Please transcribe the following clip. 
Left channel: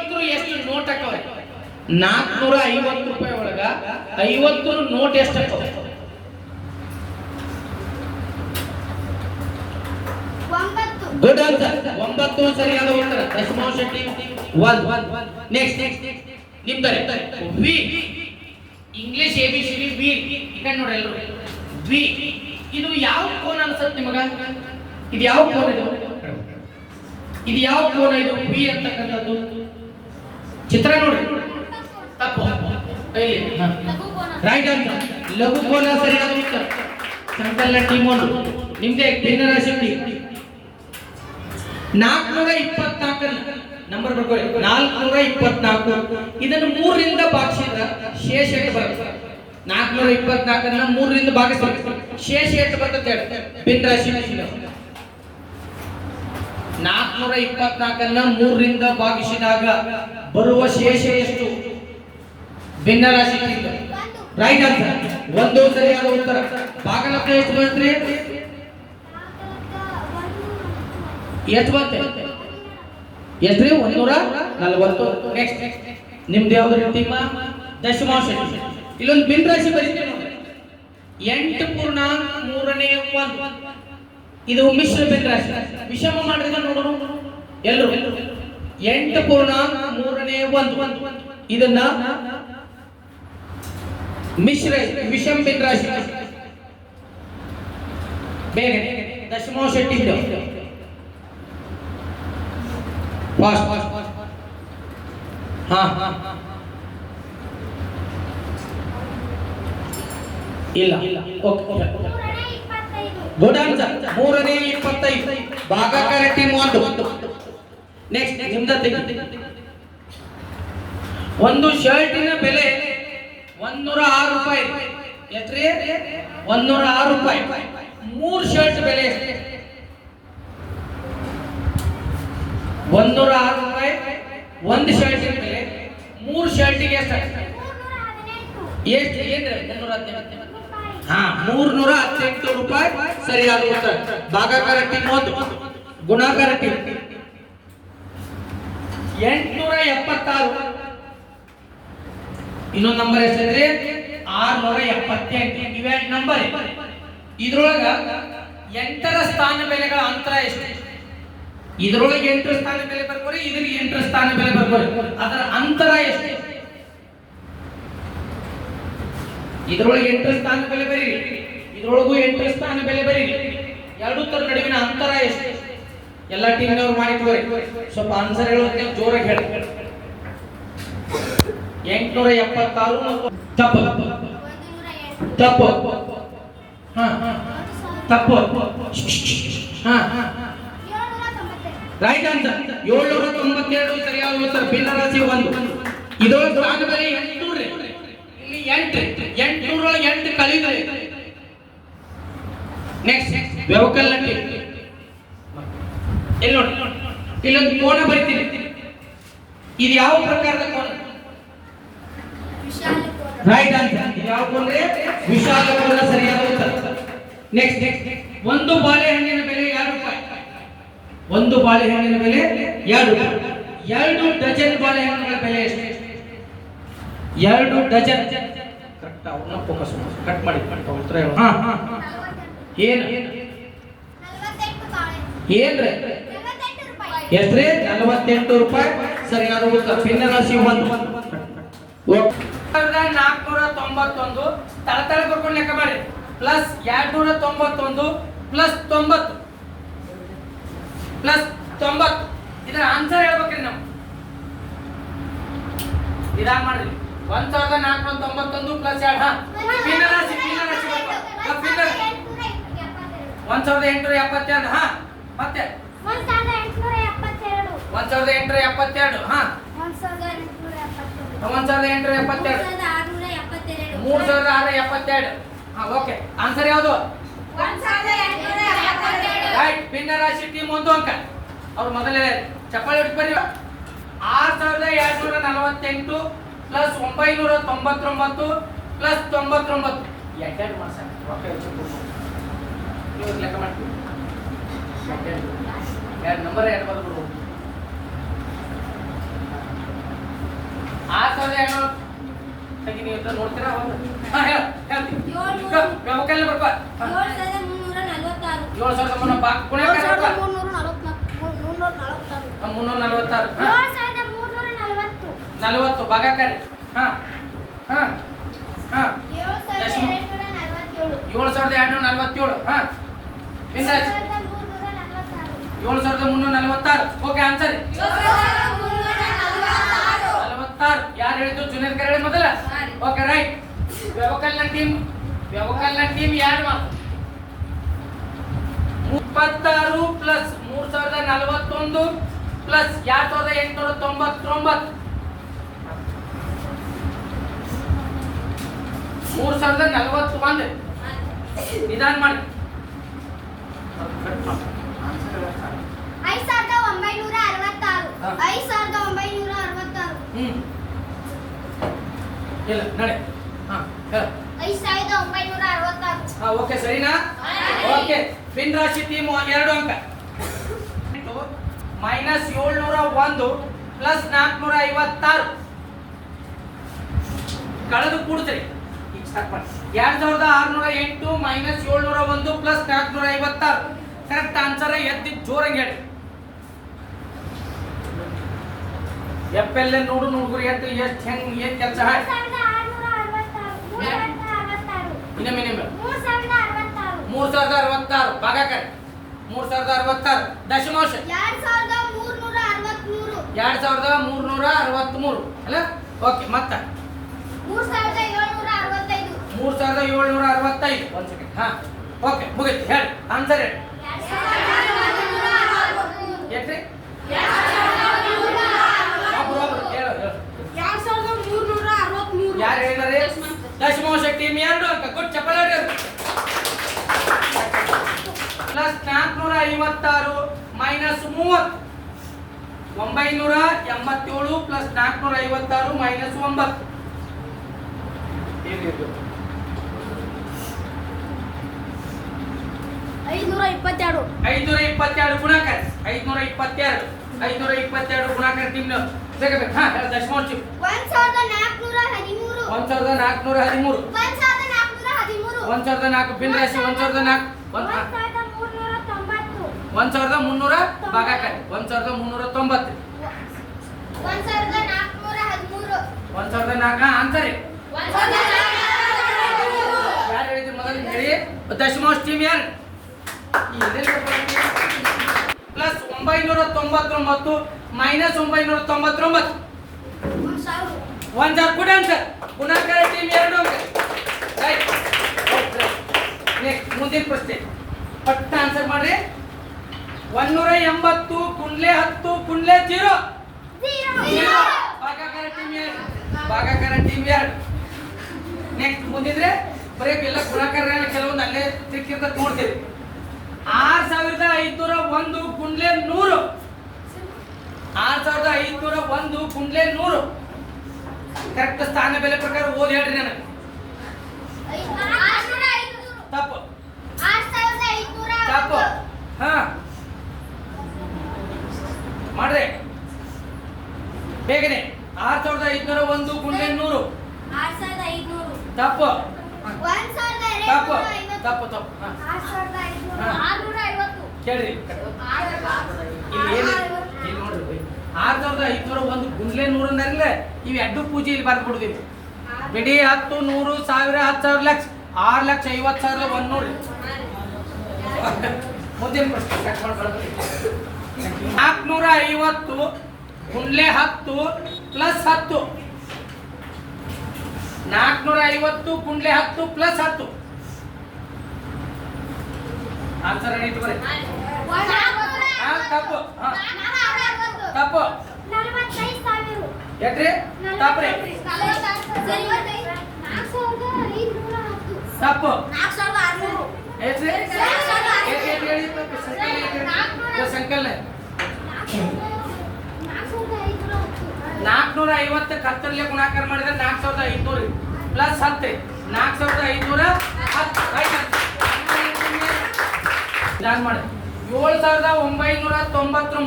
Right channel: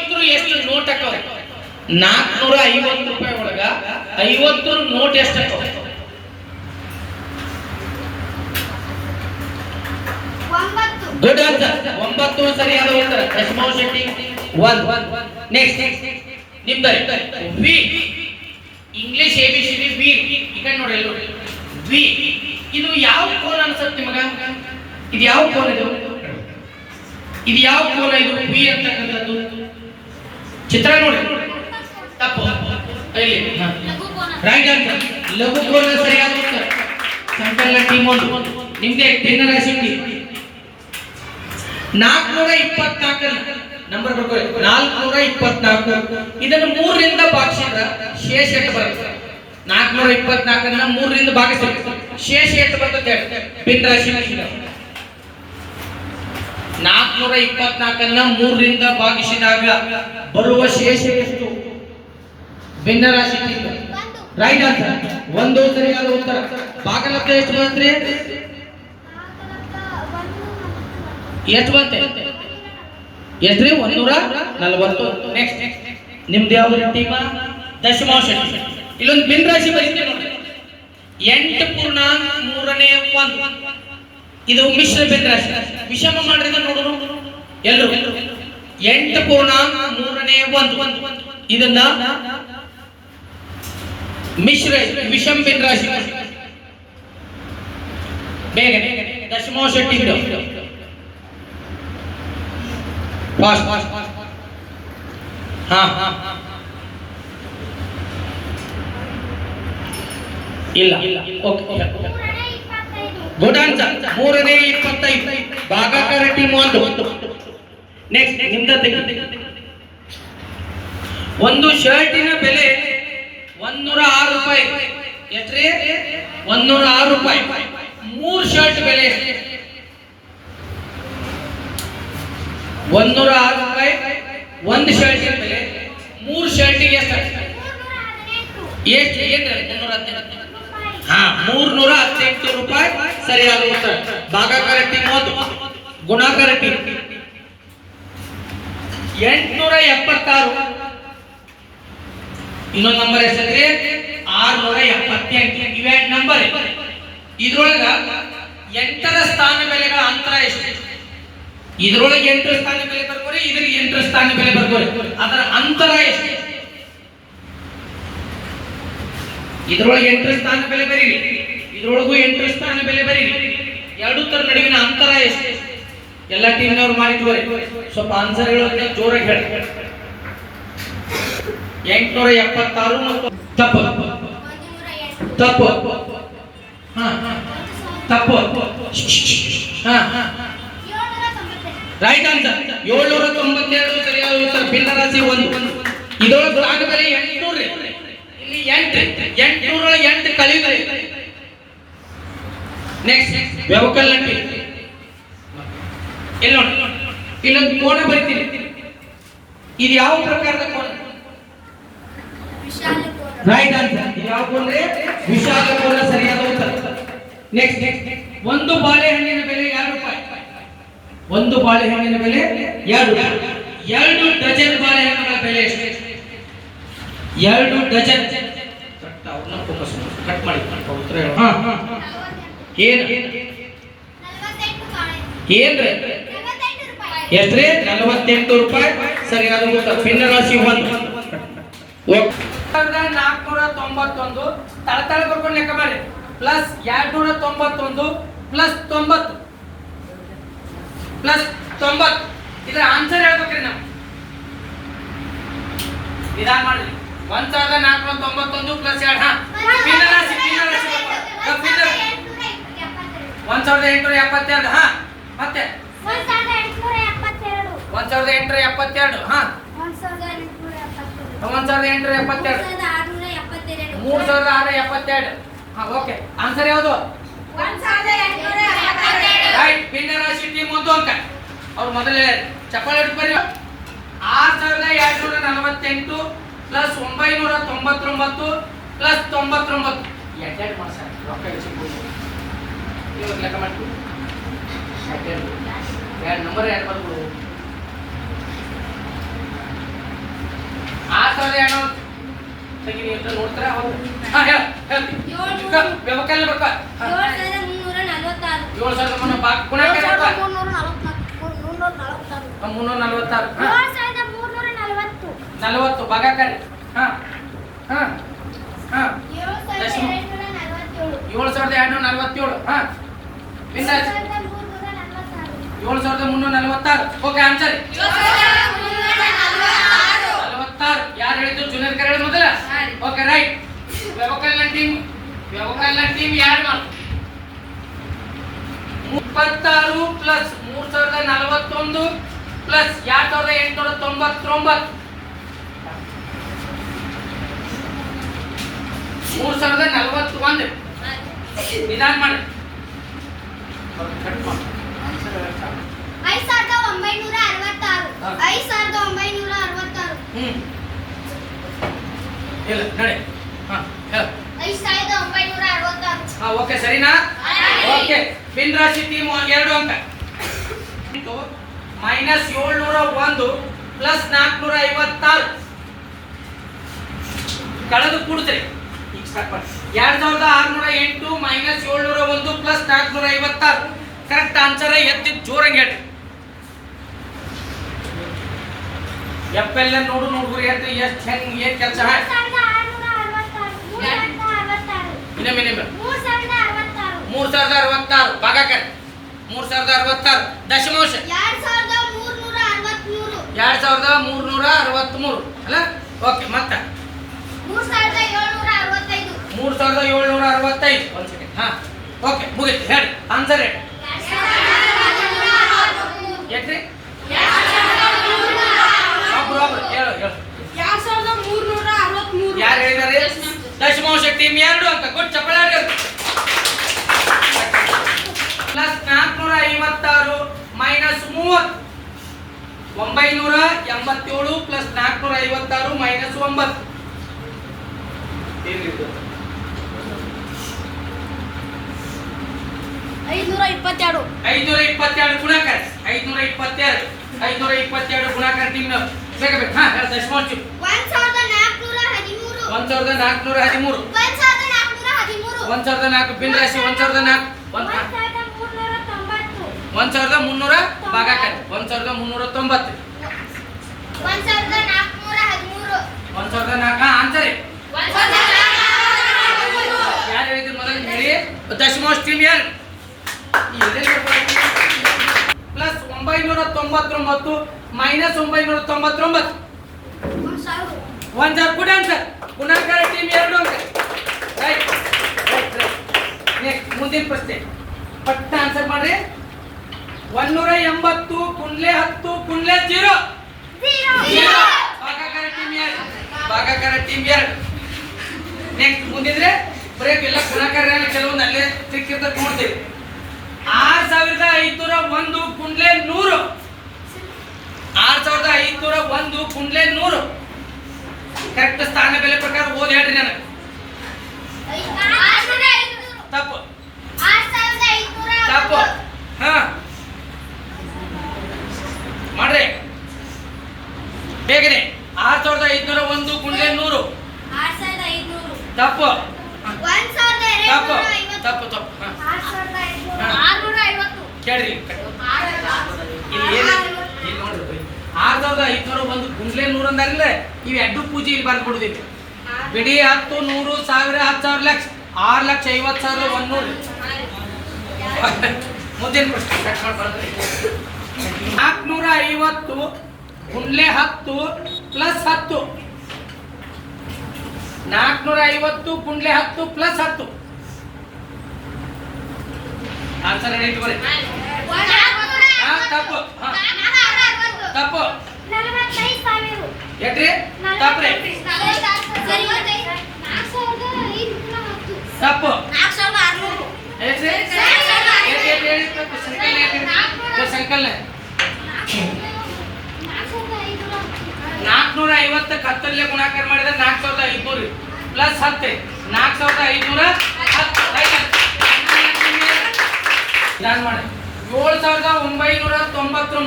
ಐವತ್ತು ಎಷ್ಟು ನೋಟ್ ಹಾಕೋ ನಾಲ್ಕುನೂರ ಐವತ್ತು ರೂಪಾಯಿ ಒಳಗ ಐವತ್ತು ನೋಟ್ ಎಷ್ಟು ಹಾಕೋ ಒಂಬತ್ತು. ಗುಡ್ ಆನ್ಸರ್ ಒಂಬತ್ತು ಸರಿಯಾದ ಉತ್ತರ. ಯಶಮೋಹನ್ ಶೆಟ್ಟಿ ಒನ್ ನೆಕ್ಸ್ಟ್ ನಿಮ್ದ V English A B C D V ಈಗ ನೋಡಿ ಎಲ್ಲರೂ ವಿ ಇದು ಯಾವ ಫೋನ್ ಅನ್ಸುತ್ತೆ ನಿಮಗ? ಇದು ಯಾವ ಕೋನ ಇದು? ಇದು ಯಾವ ಕೋನ ಇದು? ವಿ ಅಂತಕ್ಕಂಥದ್ದು. ಚಿತ್ರ ನೋಡಿ. ತಪ್ಪು. ರೈಟ್ ಅಂತ ಲಘು ಕೋನ ಸರಿಯಾದ ಉತ್ತರ ಸಂಕಲ್ಲ ಟೀಮ್ ಒಂದು. ನಿಮ್ದೆ ಭಿನ್ನರ ಸಿಕ್ಕಿ ನಾಲ್ಕುನೂರ ಇಪ್ಪತ್ನಾಲ್ಕಲ್ಲಿ ನಂಬರ್ ಬರ್ಕೊಳ್ಳಿ ನಾಲ್ಕುನೂರ ಇಪ್ಪತ್ನಾಲ್ಕು. ಇದನ್ನು ಮೂರರಿಂದ ಭಾಗಿಸಿದ್ರ ಶೇಷ ಎಷ್ಟು ಬರುತ್ತೆ. ನಾಲ್ಕುನೂರ ಇಪ್ಪತ್ನಾಲ್ಕನ್ನ ಮೂರರಿಂದ ಭಾಗಿಸ್ಬೇಕು ಶೇಷ ಎಷ್ಟು ಬರ್ತದೆ ಹೇಳಿ. ಭಿನ್ನ ರಾಶಿ ನಾಲ್ಕುನೂರ ಇಪ್ಪತ್ನಾಲ್ಕನ್ನ ಮೂರರಿಂದ ಭಾಗಿಸಿದಾಗ ಬರುವ ಶೇಷ ಎಷ್ಟು? ಭಿನ್ನ ರಾಶಿ ಒಂದು ರೈಟ್ ಆನ್ಸರ್ ಒಂದು ಸರಿಯಾದ ಉತ್ತರ. ಭಾಗಲಬ್ಧ ಎಷ್ಟು ಬಂತ್ರಿ? ಎಷ್ಟು ಬಂತೆ? ಎಷ್ಟ್ರಿ? ಒಂದೂರ ನಲವತ್ತು. ನೆಕ್ಸ್ಟ್ ನಿಮ್ದು ಯಾವ್ದು ಟೀಮ? ದಶಮಾಂಶ ಇಲ್ಲೊಂದು ಭಿನ್ನ ರಾಶಿ ಬರೀತೀವಿ ನೋಡಿ ಎಂಟು ಪೂರ್ಣ ಮೂರನೇ ಒಂದು. ಇದು ಮಿಶ್ರ ಭಿನ್ನ ರಾಶಿ. ವಿಷಮ ಮಾಡಿದ್ರೆ ನೋಡೋಣ ಎಲ್ಲರೂ ಎಂಟು ಪೂರ್ಣ ಮೂರನೇ ಒಂದು. ಇದನ್ನ ಮಿಶ್ರ ವಿಷಮ ರಾಶಿ ಬೇಗ ದಶಮಾಂಶ ಶೆಟ್ಟಿ ಫಾಸ್ಟ್. ಹಾ ಹಾ ಇಲ್ಲ. ಓಕೆ ಮೂರನೇ ಇಪ್ಪತ್ತೈದು ಗುಡ್ ಆನ್ಸರ್ ಮೂರನೇ ಇಪ್ಪತ್ತೈದು. ಭಾಗಾಕಾರ ಟೀಮ್ ಒಂದು. ನೆಕ್ಸ್ಟ್ ನಿಮ್ದ ಒಂದು ಶರ್ಟಿನ ಬೆಲೆ ಒಂದೂರ ಆರು ರೂಪಾಯಿ. ಎಷ್ಟ್ರಿ? ಒಂದೂರ ಆರು ರೂಪಾಯಿ. ಮೂರು ಶರ್ಟ್ ಬೆಲೆ ಎಷ್ಟು? ಒಂದೂರ ಆರು ರೂಪಾಯಿ. ಒಂದು ಶರ್ಟಿನ ಬೆಲೆ ಮೂರು ಶರ್ಟಿಗೆ ಎಷ್ಟು ಮೂರ್ನೂರ ಹದಿನೆಂಟು ಎಷ್ಟು ಏನ್ರಿ ಮುನ್ನೂರ ಹದಿನೆಂಟು ರೂಪಾಯಿ ಹಾ, ಮೂರ್ನೂರ ಹದಿನೆಂಟು ರೂಪಾಯಿ ಸರಿಯಾದ ಉತ್ತರ. ಭಾಗಾಕಾರ ಟೀಮ್ ಒಂದು ಗುಣಾಕಾರ ಟೀಮ್ ಎಂಟ್ನೂರ ಎಪ್ಪತ್ತಾರು. ಇನ್ನೊಂದು ನಂಬರ್ ಎಷ್ಟಂದ್ರೆ ಆರ್ನೂರ ಎಪ್ಪತ್ತೆಂಟು. ಇವೆ ನಂಬರ್ ಇದ್ರೊಳಗ ಎಂಟರ ಸ್ಥಾನ ಬೆಲೆಗಳ ಅಂತರ ಎಷ್ಟು? ಇದ್ರೊಳಗೆ ಎಂಟರ ಸ್ಥಾನ ಬೆಲೆ ಬರ್ಕೋರಿ, ಇದ್ರಿಗೆ ಎಂಟರ ಸ್ಥಾನ ಬೆಲೆ ಬರ್ಕೋರಿ. ಅದರ ಅಂತರ ಎಷ್ಟು? ಇದ್ರೊಳಗೆ ಎಂಟು ಸ್ಥಾನ ಬೆಲೆ ಬರೀರಿ. ಇದ್ರೊಳಗೂ ಎಂಟು ಸ್ಥಾನ ಬೆಲೆ ಬರೀರಿ. ಎರಡು ತರ ನಡುವಿನ ಅಂತರ ಎಷ್ಟು? ಎಲ್ಲ ಟೀಮ್ನವ್ರು ಮಾಡಿದ್ವರೆ ಸ್ವಲ್ಪ ಆನ್ಸರ್ ಹೇಳೋದಕ್ಕೆ ಜೋರಾಗಿ ಹೇಳಿ. ಎಂಟುನೂರ ಎಪ್ಪತ್ತಾರು ಮತ್ತು ತಪ್ಪು. ತಪ್ಪು. ಹಾ ತಪ್ಪು. ಹಾ ರೈಟ್ ಆನ್ಸರ್ ಏಳ್ನೂರ ತೊಂಬತ್ತೆರಡು ಸರಿಯಾದ ಉತ್ತರ. ಭಿನ್ನ ಒಂದು. ಇದೊಳಗೆ ಆಗಬೇಕು ಎಂಟು ಎಂಟುನೂರ ಎಂಟು ನೆಕ್ಸ್ಟ್ ವ್ಯವಕಲ್ ಇಲ್ಲಿ ನೋಡಿ ಇಲ್ಲೊಂದು ಕೋಣ ಬರಿತೀನಿ. ಇದು ಯಾವ ಪ್ರಕಾರದ ಕೋಣ? ರೈಟ್ ಆನ್ಸರ್ ಇದು ಯಾವ ಕೋಣ ವಿಶಾಲ ಕೋಣ ಸರಿಯಾದ ಉತ್ತರ. ನೆಕ್ಸ್ಟ್ ನೆಕ್ಸ್ಟ್ ಒಂದು ಬಾಳೆಹಣ್ಣಿನ ಬೆಲೆ ಎರಡು ರೂಪಾಯಿ. ಒಂದು ಬಾಳೆಹಣ್ಣಿನ ಬೆಲೆ ಎರಡು ಎರಡು ಡಜನ್ ಬಾಳೆಹಣ್ಣುಗಳ ಬೆಲೆ ಎಷ್ಟು? ಎರಡು ಡಜನ್. ಕಟ್ ಅವ್ರನ್ನ ಫೋಕಸ್ ಮಾಡಿ ಕಟ್ ಮಾಡಿ. ಉತ್ತರ ಹೇಳು. ಹಾ ಹಾ ಏನು? ಏನ್ರಿ? ಎಷ್ಟ್ರಿ? ನಲವತ್ತೆಂಟು ರೂಪಾಯಿ. ಸರಿ ಉತ್ತರ ಭಿನ್ನ ರಾಶಿ ಒಂದು. ನಾಲ್ಕುನೂರ ತೊಂಬತ್ತೊಂದು. ತಳತಳ ಬರ್ಕೊಂಡು ಲೆಕ್ಕ ಮಾಡಿ. ಪ್ಲಸ್ ಎರಡ್ನೂರ ತೊಂಬತ್ತೊಂದು. ಪ್ಲಸ್ ತೊಂಬತ್ತು. ಪ್ಲಸ್ ತೊಂಬತ್ತು. ಇದರ ಆನ್ಸರ್ ಹೇಳ್ಬೇಕ್ರಿ ನಾವು. ನಿಧಾನ ಮಾಡಿದ್ರಿ ಒಂದ್ ಸಾವಿರದ ನಾಲ್ಕು ತೊಂಬತ್ತೊಂದು ಪ್ಲಸ್ ಎರಡು ಹಾ? ಭಿನ್ನ ರಾಶಿ ಭಿನ್ನ ರಾಶಿ ಹಾ, ಭಿನ್ನ ಒಂದ್ ಸಾವಿರದ ಎಂಟುನೂರ ಎಪ್ಪತ್ತೆರಡು ಹಾ? ಮತ್ತೆ? ಒಂದ್ ಸಾವಿರದ ಎಂಟುನೂರ ಎಪ್ಪತ್ತೆರಡು. ಹಾ? ಒಂದ್ ಸಾವಿರದ ಎಂಟುನೂರ ಎಪ್ಪತ್ತೆರಡು. ಮೂರ್ ಸಾವಿರದ ಆರು ಎಪ್ಪತ್ತೆರಡು. ಹಾ ಓಕೆ. ಆನ್ಸರ್ ಯಾವುದು? ರೈಟ್ ಭಿನ್ನ ರಾಶಿ ಟೀಮ್ ಒಂದು ಅಂಕ. ಅವ್ರು ಮೊದಲೇ ಚಪ್ಪಾಳೆ ಬರೀ ಆರ್ ಸಾವಿರದ ಎರಡ್ನೂರ ನಲವತ್ತೆಂಟು ಪ್ಲಸ್ ಒಂಬೈನೂರ ತೊಂಬತ್ತೊಂಬತ್ತು ಪ್ಲಸ್ ತೊಂಬತ್ತೊಂಬತ್ತು. ಎಡ್ಡೆಡ್ ಮಾಸ ರೊಕ್ಕ ಇವಾಗ ಲೆಕ್ಕ ಮಾಡ್ತೀವಿ ಎರಡು ನಂಬರ್ ಎರಡು ಬರ್ಬೋದು ಸಾವಿರದ ಎರಡು ತೆಗಿ ನೀವು ಇಟ್ಟು ನೋಡ್ತೀರಾ? ಹೌದು. ಹಾಂ ಹೇಳ ಏಳು ಸಾವಿರದ ಮುನ್ನೂರ ನಲವತ್ತಾರು. ಸಾವಿರದ ಮುನ್ನೂರ ಬಾ. ನಲವತ್ತು ಭಾಗಾಕಾರ ಹಾಂ ಹಾಂ ಹಾಂ. ಏಳು ಸಾವಿರದ ಎರಡುನೂರ ನಲವತ್ತೇಳು. ಹಾಂ. ಸಾವಿರದ ಏಳು ಸಾವಿರದ ಮುನ್ನೂರ ನಲವತ್ತಾರು. ಓಕೆ ಆನ್ಸರ್ ನಲವತ್ತಾರು. ಯಾರು ಹೇಳಿದ್ರು ಜೂನಿಯರ್ ಕರೆ ಮೊದಲ? ಓಕೆ ರೈಟ್ ವ್ಯವಕಲ್ನ ಟೀಮ್ ವ್ಯವಕಲ್ನ ಟೀಮ್ ಯಾರು? ಮಾಡು ಇಪ್ಪತ್ತಾರು ಪ್ಲಸ್ ಮೂರ್ ಸಾವಿರದ ನಲವತ್ತೊಂದು ಪ್ಲಸ್ ಎರಡ್ ಸಾವಿರದ ಎಂಟುನೂರ ತೊಂಬತ್ತೊಂಬತ್ತು. ಮೂರ್ ಸಾವಿರದ ನಲವತ್ತು ಒಂದು ನಿಧಾನ ಮಾಡಿ. ಐದು ಸಾವಿರದ ಒಂಬೈನೂರ ಅರವತ್ತಾರು. ಐದು ಸಾವಿರದ ಒಂಬೈನೂರ ಅರವತ್ತಾರು. ಇಲ್ಲ ನಡೆ. ಹಾ ಹೇಳ. ಐದು ಸಾವಿರದ ಒಂಬೈನೂರ ಅರವತ್ತಾರು. ಹಾ ಓಕೆ ಸರಿನಾ? ಓಕೆ ಬಿನ್ ರಾಶಿ ಟೀಮ್ ಎರಡು ಅಂತ. ಮೈನಸ್ ಏಳ್ನೂರ ಒಂದು ಪ್ಲಸ್ ನಾಲ್ಕುನೂರ ಐವತ್ತಾರು ಕಳೆದು ಕೂಡ್ತೀರಿ. ಎರಡ್ ಸಾವಿರದ ಆರ್ನೂರ ಎಂಟು ಮೈನಸ್ ಏಳ್ನೂರ ಒಂದು ಪ್ಲಸ್ ನಾಲ್ಕುನೂರ ಐವತ್ತಾರು ಕರೆಕ್ಟ್ ಆನ್ಸರ್ ಎತ್ತಿ ಜೋರಂಗ್ ಹೇಳಿ ಎಫ್ ಎಲ್ ನೋಡು ನೋಡ್ರಿ ಎಷ್ಟು ಎಷ್ಟು ಹೆಂಗ್ ಏನ್ ಕೆಲಸ? ಮೂರು ಸಾವಿರದ ಅರವತ್ತಾರು. ಭಾಗಾಕರ್ ಮೂರ್ ಸಾವಿರದ ಅರವತ್ತಾರು. ದಶಮಾಂಶ. ಎರಡ್ ಸಾವಿರದ ಮೂರ್ನೂರ ಅರವತ್ಮೂರು. ಎರಡ್ ಸಾವಿರದ ಮೂರ್ನೂರ ಅರವತ್ಮೂರು. ಅಲ್ಲ? ಓಕೆ ಮತ್ತೆ ಮೂರು ಸಾವಿರದ ಏಳ್ನೂರ ಅರವತ್ತೈದು ಮೂರ್ ಸಾವಿರದ ಏಳ್ನೂರ ಅರವತ್ತೈದು ಒಂದು ಸೆಕೆಂಡ್ ಹಾ. ಓಕೆ ಮುಗಿತು. ಹೇಳಿ. ಆನ್ಸರ್ ಹೇಳಿ. ಒಬ್ರು ಹೇಳು ಹೇಳು. ಸಾವಿರದ ಮೂರ್ನೂರ ಅರವತ್ಮೂರು ಯಾರು ಹೇಳಿದಾರೆ ದಶಮಾಂಶ ಟೀಮ್ ಎರಡು ಅಂತ ಗುಡ್ ಚಪ್ಪಲಾಡಿ ಪ್ಲಸ್ ನಾಲ್ಕುನೂರ ಐವತ್ತಾರು ಮೈನಸ್ ಮೂವತ್ತು. ಒಂಬೈನೂರ ಎಂಬತ್ತೇಳು ಪ್ಲಸ್ ನಾಲ್ಕುನೂರ ಐವತ್ತಾರು ಮೈನಸ್ ಒಂಬತ್ತು ಐನೂರ ಇಪ್ಪತ್ತೆರಡು ಐನೂರ ಇಪ್ಪತ್ತೆರಡು ಗುಣಾಕಾರ ಐದುನೂರ ಇಪ್ಪತ್ತೆರಡು ಐನೂರ ಇಪ್ಪತ್ತೆರಡು ಗುಣಾಕಾರ ಬೇಗ ಬೇಗ ಹಾ ದಶಮಾಂಶ ಒಂದ್ ಸಾವಿರದ ನಾಲ್ಕುನೂರ ಹದಿಮೂರು ಒಂದ್ ಸಾವಿರದ ನಾಲ್ಕುನೂರ ಹದಿಮೂರು ಒಂದ್ ಸಾವಿರದ ನಾಲ್ಕುನೂರ ಹದಿಮೂರು ಒಂದ್ ಸಾವಿರದ ನಾಲ್ಕು ಬಿನ್ ರಾಶಿ ಒಂದ್ ಸಾವಿರದ ನಾಲ್ಕು ಒಂದ್ ಒಂದ್ ಸಾವಿರದ ಮುನ್ನೂರ ಭಾಗಾಕಾರ ಒಂದ್ ಸಾವಿರದ ಮುನ್ನೂರ ತೊಂಬತ್ತು ಒಂದ್ ಸಾವಿರದ ನಾಲ್ಕುನೂರ ಹದಿಮೂರು ಒಂದ್ ಸಾವಿರದ ನಾಲ್ಕು ಆನ್ಸರ್ ಯಾರು ಹೇಳಿದ್ರು ಮೊದಲು ಹೇಳಿ ದಶಮಾಂಶ ಟೀಮ್ ಯಾರು ಪ್ಲಸ್ ಒಂಬೈನೂರ ತೊಂಬತ್ತೊಂಬತ್ತು ಮೈನಸ್ ಒಂಬೈನೂರ ತೊಂಬತ್ತೊಂಬತ್ತು ಒಂದ್ ಗುಡ್ ಆನ್ಸರ್ ಗುಣಾಕಾರ ಟೀಮ್ ಎರಡು ನೆಕ್ಸ್ಟ್ ಮುಂದಿನ ಪ್ರಶ್ನೆ. ಪಟ್ಟ ಆನ್ಸರ್ ಮಾಡ್ರಿ. ಒಂದೂರ ಎಂಬತ್ತು ಕುಂಡ್ಲೆ ಹತ್ತು ಕುಂಡ್ಲೆ ಜೀರೋ. ಭಾಗಾಕಾರ ಟೀಮ್ ಎರಡು. ಭಾಗಾಕಾರ ಟೀಮ್ ಎರಡು. ನೆಕ್ಸ್ಟ್ ಮುಂದಿದ್ರೆ ಬರೀ ಎಲ್ಲ ಗುಣಾಕಾರ ಕೆಲವೊಂದು ಅಲ್ಲೇ ಸಿಕ್ಕಿರ್ತದೆ ನೋಡ್ತೀವಿ. ಸಾವಿರದ ಐದುನೂರ ಒಂದು ಕುಂಡ್ಲೆ ನೂರು. ಆರ್ ಸಾವಿರದ ಐದ್ನೂರ ಒಂದು ಕುಂಡ್ಲೆ ನೂರು. ಕರೆಕ್ಟ್ ಸ್ಥಾನ ಬೆಲೆ ಪ್ರಕಾರ ಓದಿ ಹೇಳ್ರಿ ನನಗೆ. ತಪ್ಪು. ತಪ್ಪು. ಹಾ. ಮಾಡ್ರಿ. ಬೇಗನೆ. ಆರ್ ಸಾವಿರದ ಐದ್ನೂರ ಒಂದು ಕುಂಡ್ಲೆ ನೂರು. ತಪ್ಪು. ತಪ್ಪು. ತಪ್ಪು ತಪ್ಪು. ಕೇಳ್ರಿ. ಇಲ್ಲಿ ನೋಡ್ರಿ. ಆರ್ ಸಾವಿರದ ಐದ್ನೂರ ಒಂದು ಗುಂಡ್ಲೆ ನೂರು ಅಂದಾಗಲೇ ಇವು ಎರಡು ಪೂಜೆ ಇಲ್ಲಿ ಬಂದು ಬಿಡುದಿಲ್ಲ ಬಿಡಿ ಹತ್ತು ನೂರು ಸಾವಿರ ಹತ್ತು ಸಾವಿರ ಲಕ್ಷ. ಆರು ಲಕ್ಷ ಐವತ್ತು ಸಾವಿರ ಒಂದೂರು ಮುಂದಿನ ಪ್ರಶ್ನೆ. ನಾಲ್ಕುನೂರ ಐವತ್ತು ಕುಂಡ್ಲೆ ಹತ್ತು ಪ್ಲಸ್ ಹತ್ತು. ನಾಲ್ಕುನೂರ ಐವತ್ತು ಕುಂಡ್ಲೆ ಹತ್ತು ಪ್ಲಸ್ ಹತ್ತು. ಆನ್ಸರ್ ಹೇಳಿ ಹಾ, ತಪ್ಪು. ಹಾ, ತಪ್ಪು. ಎಟ್ರಿ? ತಪ್ಪು ನಾಲ್ಕುನೂರ ಐವತ್ತಕ್ಕೆ ಹತ್ತರಲ್ಲೇ ಗುಣಾಕಾರ ಮಾಡಿದ್ರೆ ನಾಲ್ಕು ಸಾವಿರದ ಐದುನೂರು ಪ್ಲಸ್ ಹತ್ತೆ. ನಾಲ್ಕು ಸಾವಿರದ ಐದುನೂರ ಹತ್ತು. Right answer. ಮಾಡಿ ಏಳು ಸಾವಿರದ ಒಂಬೈನೂರ ತೊಂಬತ್ತೊಂಬತ್ತು